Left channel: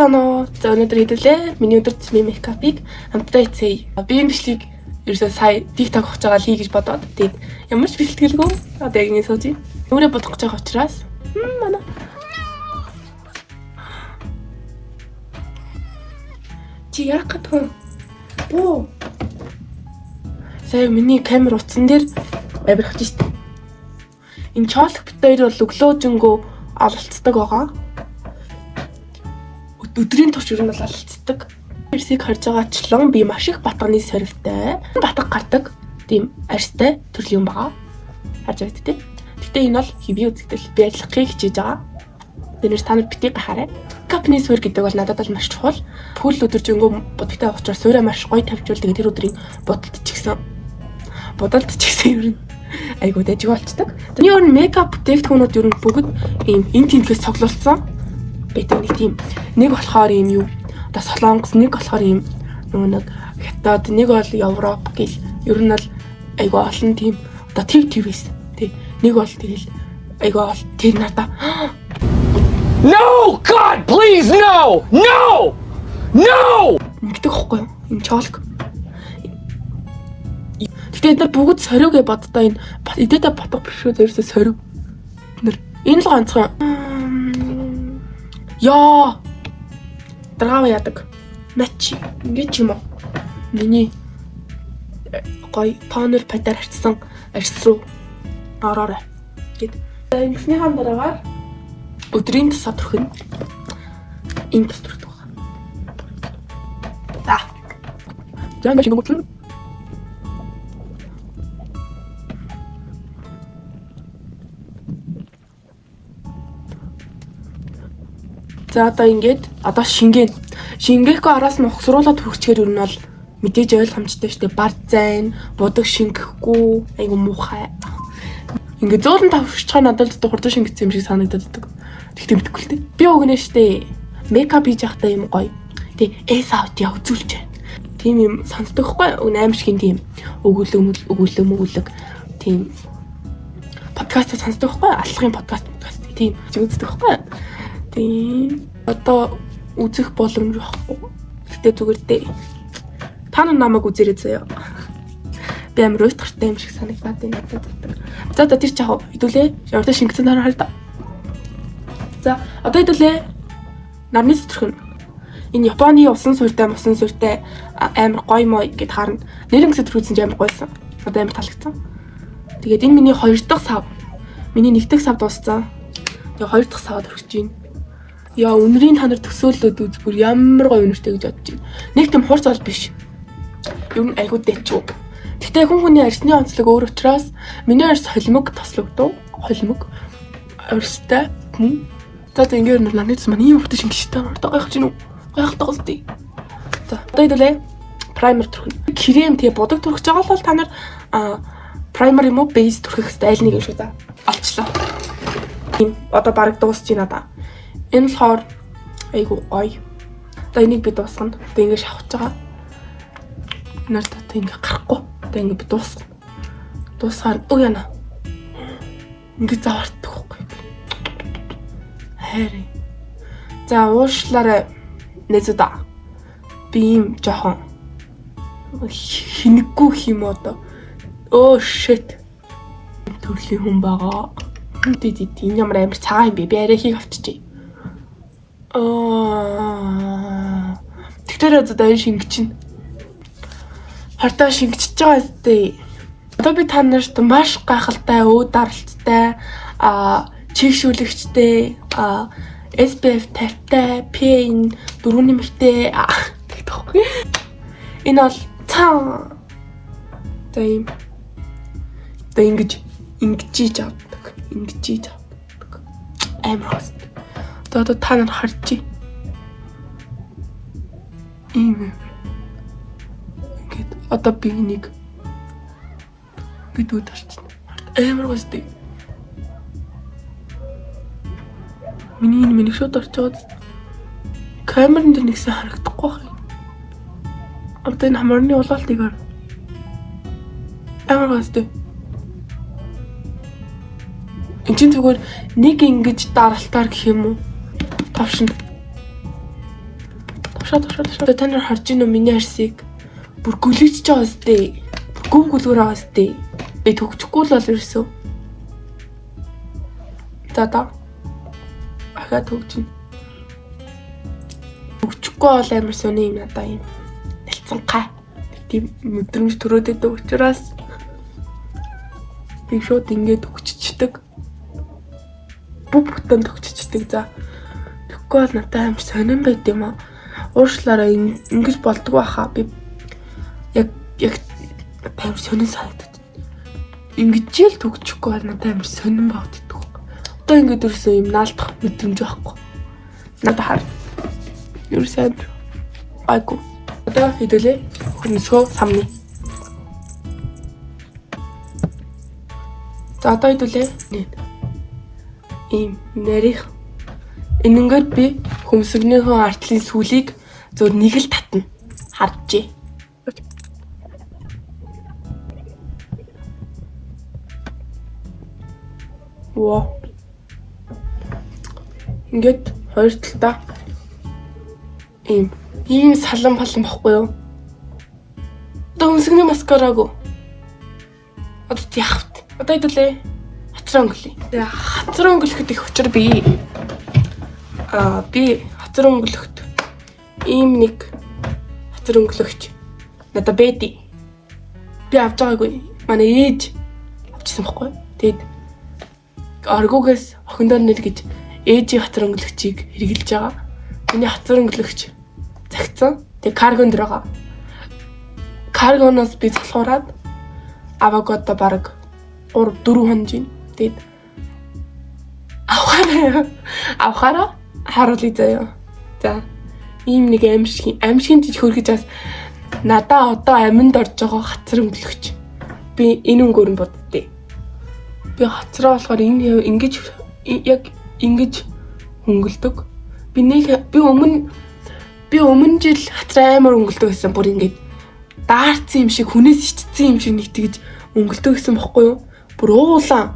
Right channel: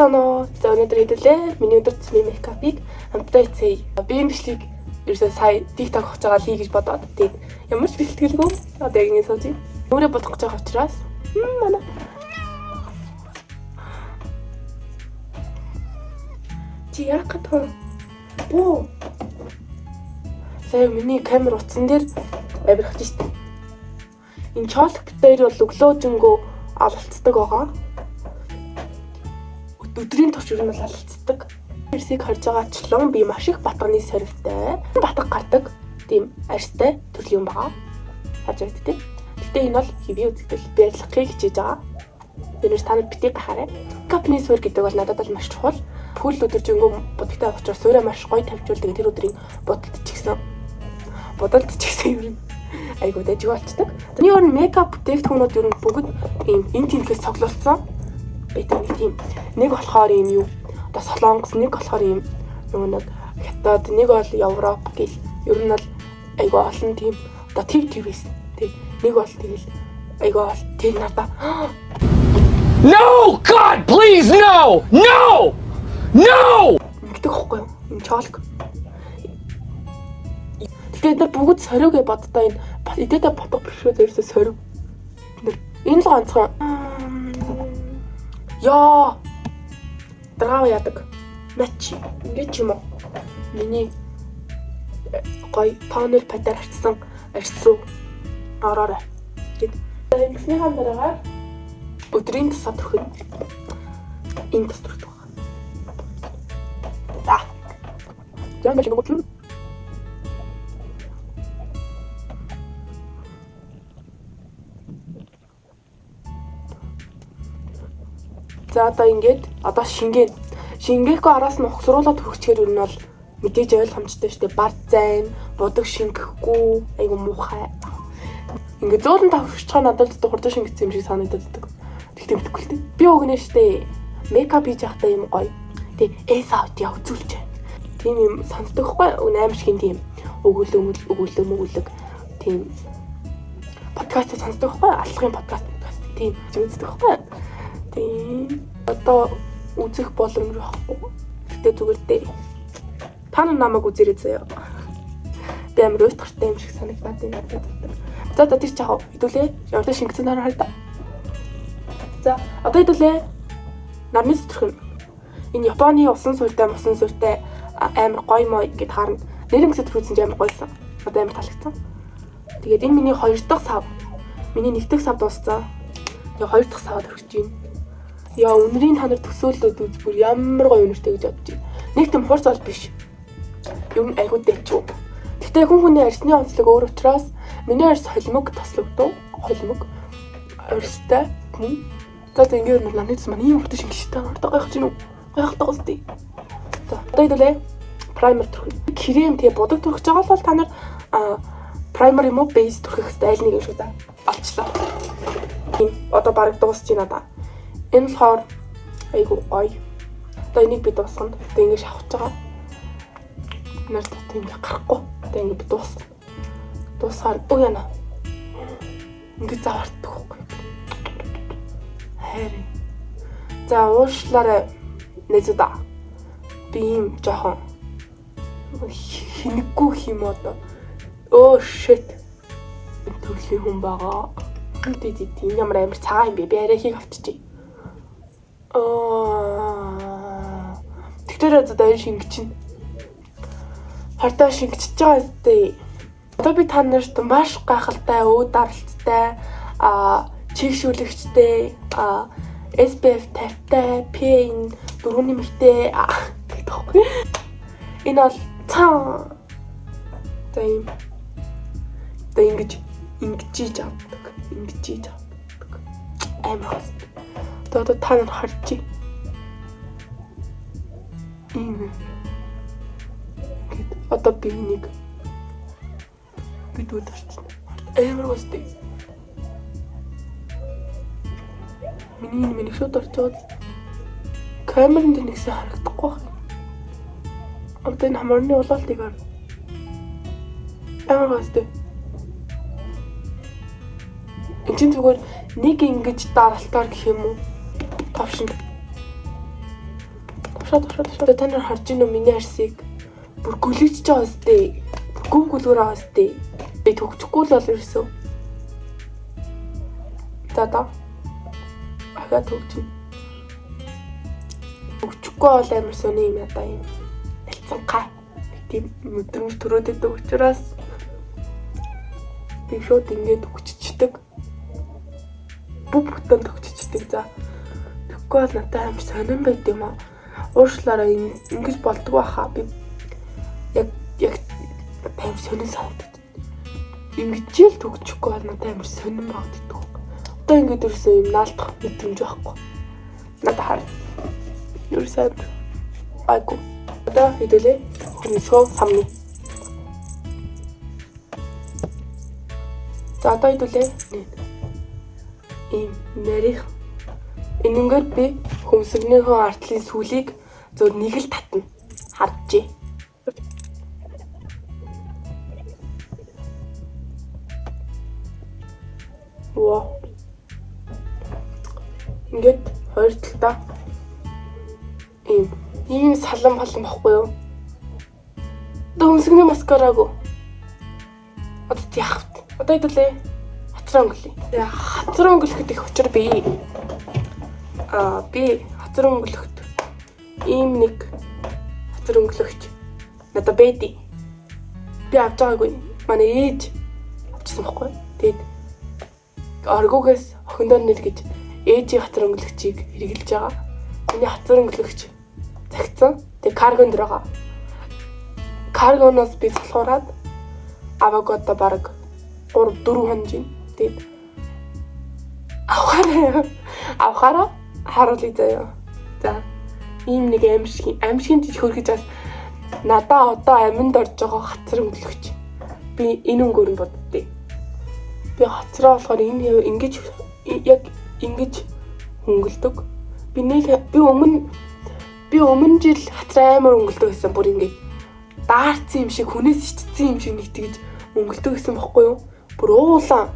Сано за өнөөдөр хэлүүлээ. Миний өдөр тутмын мейкапыг хамтдаа хийцгээе. Би энэ бичлэгийг ерөөсөө сая TikTok хийж байгаа лий гэж бодоод тэгээд ямар ч бэлтгэлгүй одоо яг ингэ сууж байна. Нүрээ бодох гэж байгаа учраас манай чи яах гэдэг вэ? Оо. Сая миний камер утсан дээр авирах гэж байна. Энэ чоолох бит хоёр бол өглөөжингөө алалцдаг байгаа. Өдрийн турш ер нь бол алалцдаг. Эрсийг харж байгаачлан би маш их батганы сорилттой, батг гардаг тийм арьстай төрлийн юм байгаа. Харж байд тээ. Гэтэ энэ бол хэвийн үзэгдэл би ажиллахыг хичээж байгаа. Тэрнээс та нар битгий гахаарай. Капны суурь гэдэг бол надад бол маш чухал. Пүүл өдөржингөө будагтай учраас суурьа маш гоё тавьжуул. Тэгээд тэр өдрийн бодолд ч гэсэн ер нь айгуу дайжиг болцдог. Тэний өөр мейкап бүтээгдэхүүнүүд ер нь бүгд ийм эн тэнхээс цоглуулсан. Бид нэг болохоор ийм юу одоо Солонгос, нэг болохоор ийм нэг Хятад, нэг бол Европ гэл ер нь бол айгуу олон тийм одоо твээс тий нэг бол тэгэл айгуу бол тэр надаа No God please no ингэдэг хөхгүй юм чоолк. Гэтэ энэ бүгд сорио гэж боддоо энэ эдэдэ ботго бишөө зэрэгсээ сорио. Энэ л ганцхан яа драа яадаг начи ингэж юм уу миний гой тонер патер харцсан арьс руу ороорой гэд ингэсний хамдараагаар өдрийн тусаа төрхөн энэ тус төрөх байна. За яг шинэ гоцлоо за одоо ингээд одоо шингээхгүй араас нь ухсруулаад хөрчихээр ер нь бол мэдээж ойлгомжтой шүү дээ. Бар зайн, будаг шингэхгүй, айгу муухай. Ингээд зөөлөн тавшчихаа надад хурдан шингэсэн юм шиг санагдаад байдаг. Тэгтээ мэдэхгүй л дээ. Би өгнө шүү дээ. Мейкап хийж явахдаа юм гоё. Тэ эсаут яв үзүүлж байна. Тийм юм сонсдог хгүй аим шиг тийм өгүүлэг тийм подкаст сонсдог хгүй алхахын подкаст тийм үздэг хгүй. Тийм одоо үзэх боломж байхгүй. Гэтэ зүгээр дээ. Та нар намайг үзээрэй заяа. Би амар уйтгартай юм шиг санагдаад байна надад. За одоо тэр чаав хэдүүлээ. Явдаа шингэсэн дараа хараа. За одоо хэдүүлээ. Нарны зүтрхэн. Энэ Японы усан суурьтай амар гоё мой гэд харна. Нэрэн гэсэн төрүүлсэн ч амар гойсон. Одоо амар таалагдсан. Тэгээд энэ миний 2 дахь сав. Миний 1 дахь сав дууссан. Тэгээд 2 дахь савд хүрч байна. Яа өнрийн та нар төсөөллөд үз бүр ямар гоё өнөртэй гэж бодож байна. Нэг тийм хурц бол биш. Ер нь айгуу дэчүү. Гэтэ хүний арьсны онцлог өөр учраас миний арьс холимог тослогдов. Холимог арьстай. За ингээд нарны цус маань ийм хурдан шингэжтэй. Одоо гайхаж гинүү. Гайхалтай гоостой. За одоо хэдүүлээ праймер төрхөн. Крем тэгээ будаг төрөх жагаа бол та нар праймер юм уу бейс төрөх хэвээр аль нэг юм шиг да. Олчлаа. Тийм одоо бараг дуусч байна да. Энэ болохоор айгу гоё. Одоо энийг би дуусгана. Одоо ингэ шавхаж байгаа. Нарт одоо ингэ гарахгүй. Одоо ингэ би дуусгана. Дуусгаар өө яна. Ингэ завартдаг байхгүй. Хайр. За уушлаарай нэзэда. Би юм жоохон хинэггүй юм одоо. Оо shit. Төрлийн хүн байгаа. Энэ ямар амар цагаан юм бэ? Би арайхийг авчижээ. Тэгтэр одоо энэ шингэчин. Хартаа шингэчихэж байгаа зү. Одоо би та нарт маш гайхалтай, өөд даралттай, чигшүүлэгчтэй, SPF 50-тай, PA 4-ний мөртэй гэдэг байхгүй. Энэ бол цаа. Одоо ингэж хийж авдаг. Амар хаст. Одоо та нар харж байна. Ийм. Ингээд одоо би нэг бид үдэрч амар гоостой. Миний шууд орчоод камерын дээр нэгсэн харагдахгүй байна. Одоо энэ хамарны улаалтыг ар. Амар гоостой. Энд чинь зүгээр нэг ингэж даралтаар гэх юм уу? Тавшин. Тушаа. Та нар харж байна уу миний арсыг? Бүр гүлэгдэж байгаа өстэй. Гүн гүлгөр байгаа өстэй. Би төгчихгүй л бол ерөөсөө. За. Ахаа төгчнө. Төгчихгүй бол амар сони юм надаа юм. Дэлцэн гай. Тийм мэдрэмж төрөөд байдаг учраас би шууд ингээд төгччихдэг. Бүтэн төгччихдэг за. Тэгэхгүй бол надад амар сонирн байд юм аа. Уушлаараа ингэж болдгоо хаа би яг амар сонирн санагдав. Ингэж л төгчихгүй бол надад амар сонирн багтдаг. Одоо ингэж өрсөн юм наалдах мэдрэмж байхгүй. Надад хар. Ерөөсөө айгу. Одоо хэдүүлээ хөмсгөө самны. За одоо хэдүүлээ. Ийм нарийнх. Энэнгээр би хөмсгнийхөө артлын сүлийг зөв нэг л татна. Харжээ. Воо. Ингээд хоёр талдаа ийм салан бохгүй юу? Одоо хөмсгний маскараагүй. Одоо яахт. Одоо хэдүүлээ. Хацраа өнгөлье. Тэгээ хацраа өнгөлөхөд их учир би хацраа өнгөлөхөд ийм нэг хацраа өнгөлөгч надад бэди. Би авч байгаагүй. Манай ээж авчихсан бохгүй. Тэгээд оргоогоос охиндоо нэр гэж ээжийн хацраа өнгөлөгчийг хэрэгжилж байгаа. Миний хацраа өнгөлөгч загцсан. Тэгээд каргонд байгаа. Каргоноос би залхуураад аваагоодо бараг 3-4 хонжин. Тэгээд авахаараа харуулъя заяа. За ийм нэг аимшигын жиж хөргөж бас надаа одоо аминд орж байгаа хацар өнгөлөгч. Би энэ өнгөөр нь боддتي. Би хацраа болохоор энэ ингэж яг ингэж өнгөлдөг. Би өмнө жил хацраа амар өнгөлдөг гэсэн бүр ингэж даарцсан юм шиг хүнээс ичсэн юм шиг нэг тэгж өнгөлдөг гэсэн бохгүй юу? Бүр уулаан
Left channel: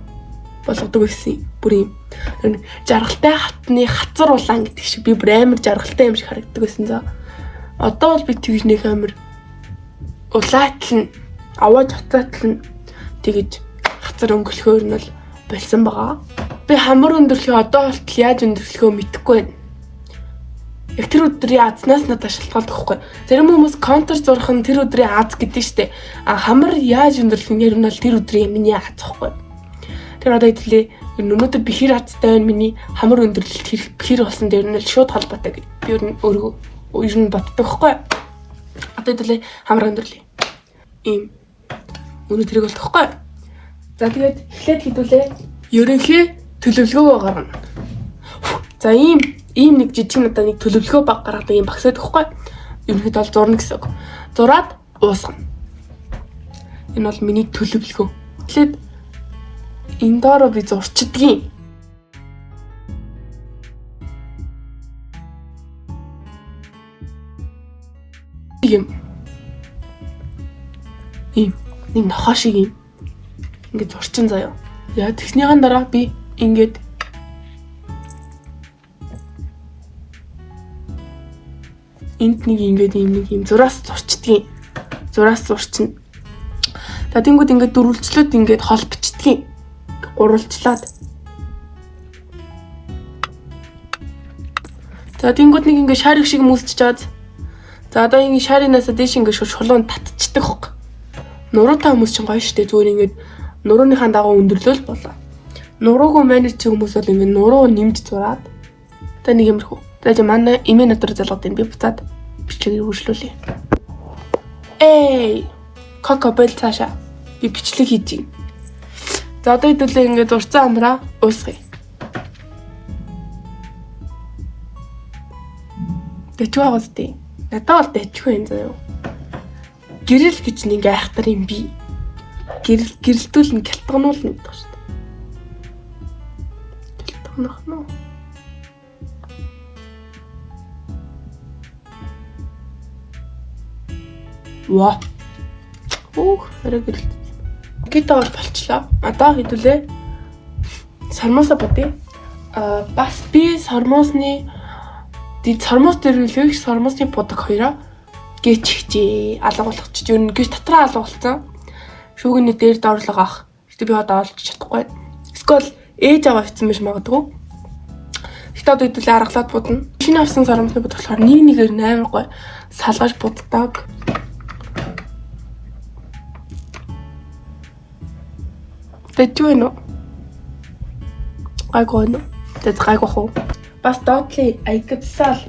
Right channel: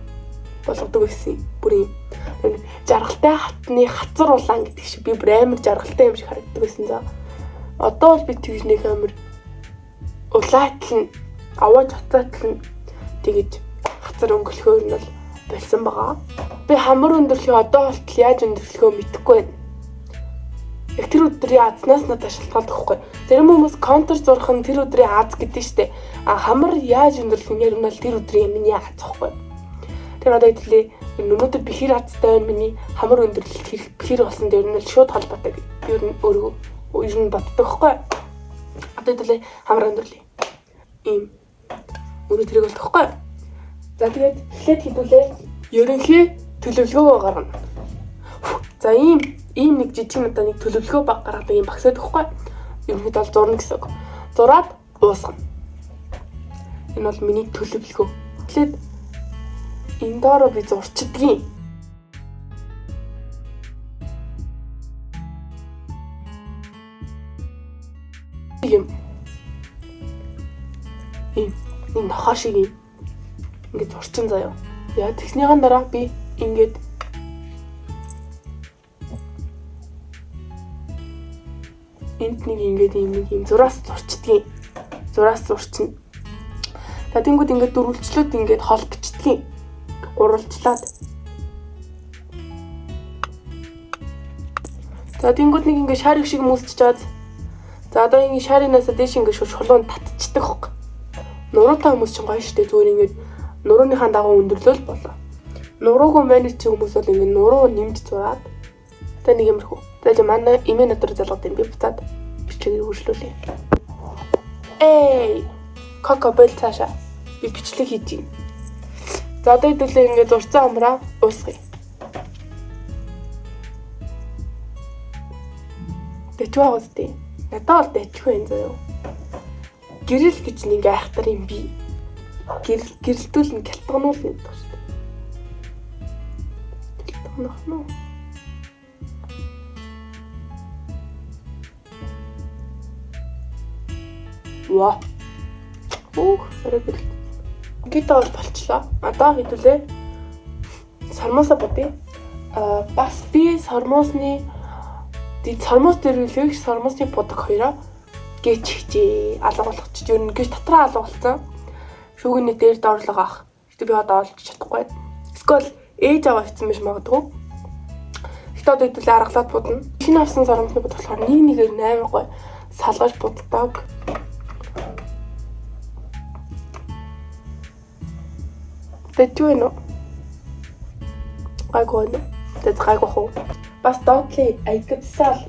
болгодог гэсэн. Бүр юм жаргалтай хатны хацар улаан гэдэг шиг би бүр амар жаргалтай юм шиг харагддаг байсан за. Одоо бол би тэгж нэг амар улаатлан аваад хатаатлан тэгж хацар өнгөлөхөөр нь бол болсон байгаа. Би хамар өндөрлөхөө одоо болтол яаж өндөрлөхөө мэдэхгүй байна. Яг тэр өдрийн азнаас надад шалтгаалдаг байхгүй. Зарим хүмүүс контур зурх нь тэр өдрийн аз гэдэг штеп. Хамар яаж өндөрлөх нь бол тэр өдрийн миний аз байхгүй. Тэр одоо хэвлээ өнөөдөр бихэр азтай байна миний хамар өндөрлөлт хэрэг бихэр болсон дээр нь шууд холбоотой гэж би ер нь боддог байхгүй. Одоо хэвлээ хамар өндөрлөе. Ийм өнөө тэрэг болдог байхгүй. За тэгээд эхлээд хэдүүлээ ерөнхий төлөвлөгөө гаргана. За ийм нэг жижиг надаа нэг төлөвлөгөө гаргадаг юм багсаад өгөхгүй. Ерөнхийдөө бол зурна гэсэн үг. Зураад уусгана. Энэ бол миний төлөвлөгөө. Тэгэхээр энэ доороо би зурчдгийн. Ийм нэг нохоо шиг юм. Ингээд зурчин заяа. Яа тэгснийхэн дараа би ингээд энд нэг ингээд ийм зураас зурчдгийн. Зураас зурчин. За тэнгууд ингээд дөрвөлжлөд ингээд хол бичдгийн. Гурвалжлаад. За тэнгууд нэг ингээд шарик шиг мүсчиж чад. За одоо энэ шаринаас дээш ингээд шулуун татчихдаг хог. Нуруутай хүмүүс чинь гоё штэ зүгээр ингээд нурууныхаа дагуу өндөрлөөл болоо. Нуруугүй менеж чи хүмүүс бол ингээд нуруу нэмж зураад. Та нэг юмрхүү. За манай эмээ натар залгад юм би буцаад бичлэгийг үргэлжлүүлье. Кокобел цаашаа би бичлэг хийж юм. За одоо хэдүүлээ ингээд зурцсан амраа уусгая. Дэчгүй байгаа зү. Надад бол дэчгүй юм заяа. Гэрэл гэж нэг айхтар юм би. Гэрэлтүүл нь гялтгануул нэг даа шүү дээ. Гялтганах нь. Ваа. Хэрэг гитаа болчлоо. Одоо хэдүүлээ сармуусаа бодъё. Бас би сармуусны Ди сормос дээр үлээх сормосны бодог хоёроо гээчихжээ. Алга болгочих. Юу нэг дотроо алга болсон. Шүүгний дээр доорлого авах. Гэтэ би одоо олж чадахгүй. Эсвэл ээж аваа хийсэн биш магадгүй. Гэтэ одоо хэдүүлээ аргалаад будна. Шинэ авсан сормосны бод болохоор нэг нэгээр 8 гой салгаж буддаг. Тэжүү нөө. Гайгүй. Тэт гайгүй хөө. Бас доотлын аягдсаал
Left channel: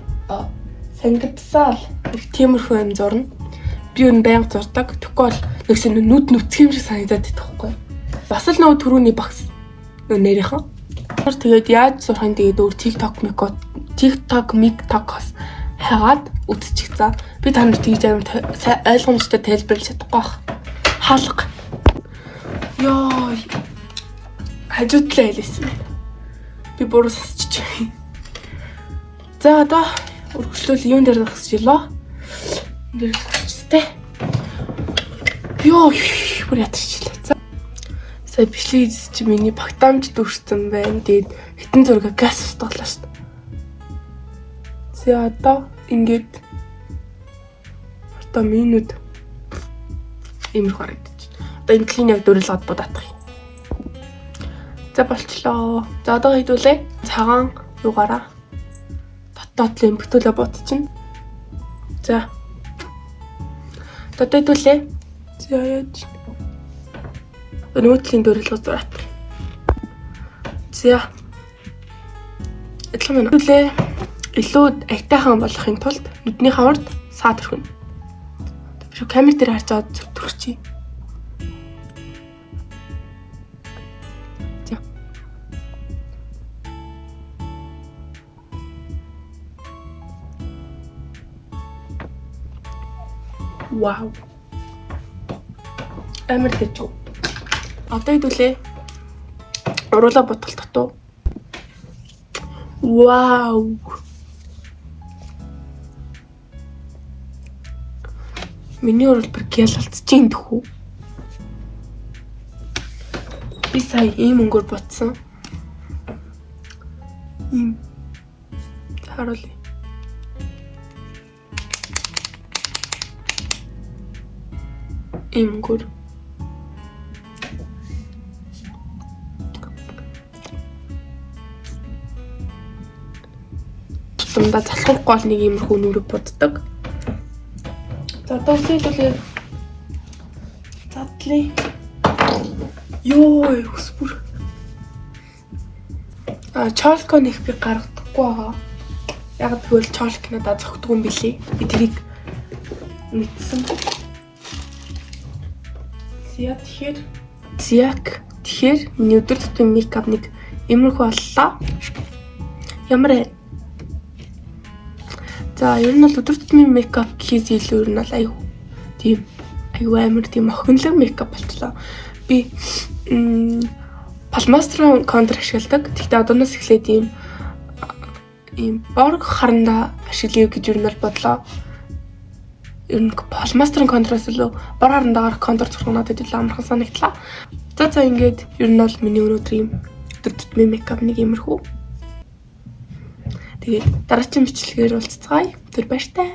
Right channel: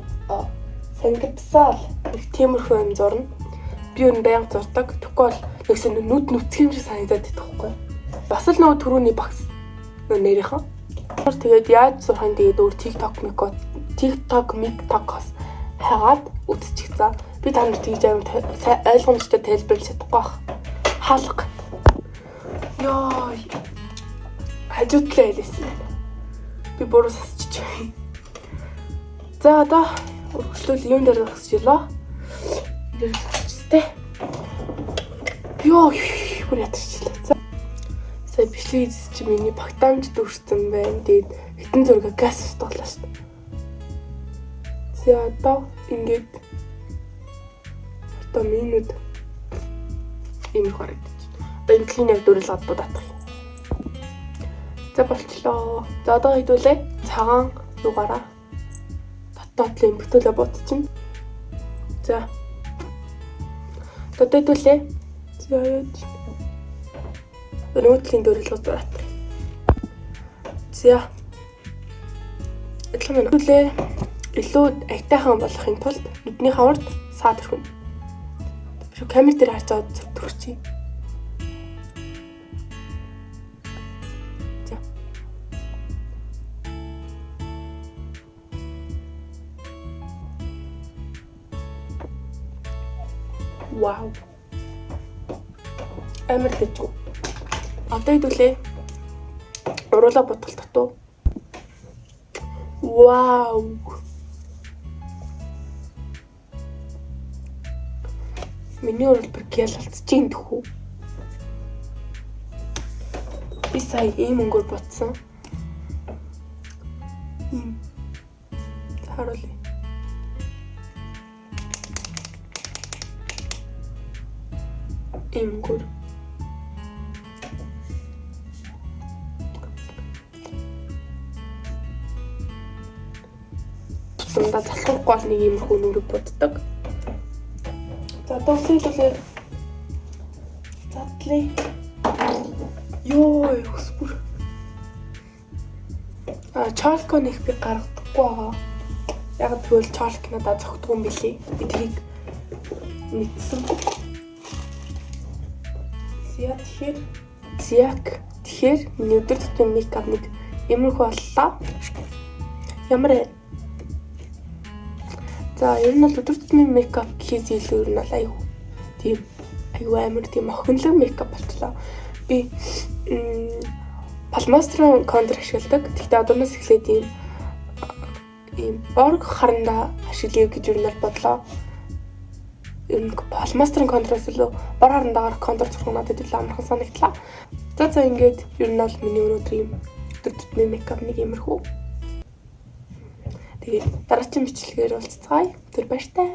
сангидсаал их тиймэрхүү юм зурна. Би энэ байнга зурдаг. Тэгэхгүй бол нэгсэн нүд нүцгэн шиг санагдаад байдаг байхгүй. Бас л нөгөө түрүүний багс нэрийнхэн. Тэгээд яаж зурхын тэгээд өөр TikTok мигтокос хагаад үзчих за. Би танд тэгж амар ойлгомжтой тайлбарлаж чадахгүй бах. Хаалга. Йоо. Хажуудлаа хэлсэн. Би буруу сонсчих. За одоо өргөжлөл юун дээр зогсчихлоо. Энд дээр зогсчихтэй. Йоо, бүр ятарчлаа. За. Сая бичлэг чи миний багтаамж дүрсэн байна. Тэгээд хитэн зураг газ устгалаа шүү дээ. За одоо ингээд одоо минут имэр харагдаж. Одоо энэ клин яг дөрөлгод бодоодах юм. За болчлоо. За одоо хийдүүлээ. Цагаан юугаараа дотлын бүтүүлээ бодчихно. За. Одоо хийдүүлээ. За яаж. Өнөөдрийн дөрөлгод зураад. За. Эдлэн хэлээ. Илүү айтайхан болохын тулд нүдний хавард саад өрхөн. Би камер дээр харж аваад зүрхчихье. За. Вау. Амар дэжүү. Одоо хэдүүлээ. Уруулаа ботгол татуу. Вау. Миний уралбар гял алдчихин дөхүү. Би сая ийм өнгөөр ботсон. Ийм. Харуулъя. Ийм өнгөөр. Тумдаа залхахгүй бол нэг иймэрхүү нүрэг боддог. За одоо үсэлээ. Задлаа. Йоо, өсвөр. Чолко нэг би гаргадаггүй байгаа. Яг тэгвэл чолк надад зогтгүй юм билий. Би тэрийг мэдсэн. Тэгэхээр миний өдөр тутмын мейкап нэг иймэрхүү боллоо. Ямар ээ? За, ер нь бол өдөр тутмын мейкап гэхээс илүү ер нь бол аюу амар тийм охинлог мейкап болчлоо. Би палмастрын контур ашигладаг. Гэхдээ одооноос эхлээд ийм борг харандаа ашиглая гэж ер нь бол бодлоо. Ер нь палмастрын контураас илүү бор харандаагаар контур зурх надад илүү амархан санагдлаа. За ингээд ер нь бол миний өнөөдрийн өдөр тутмын мейкап нэг иймэрхүү. Тэгээд дараагийн бичлэгээр уулзцгаая. Тэр баяртай.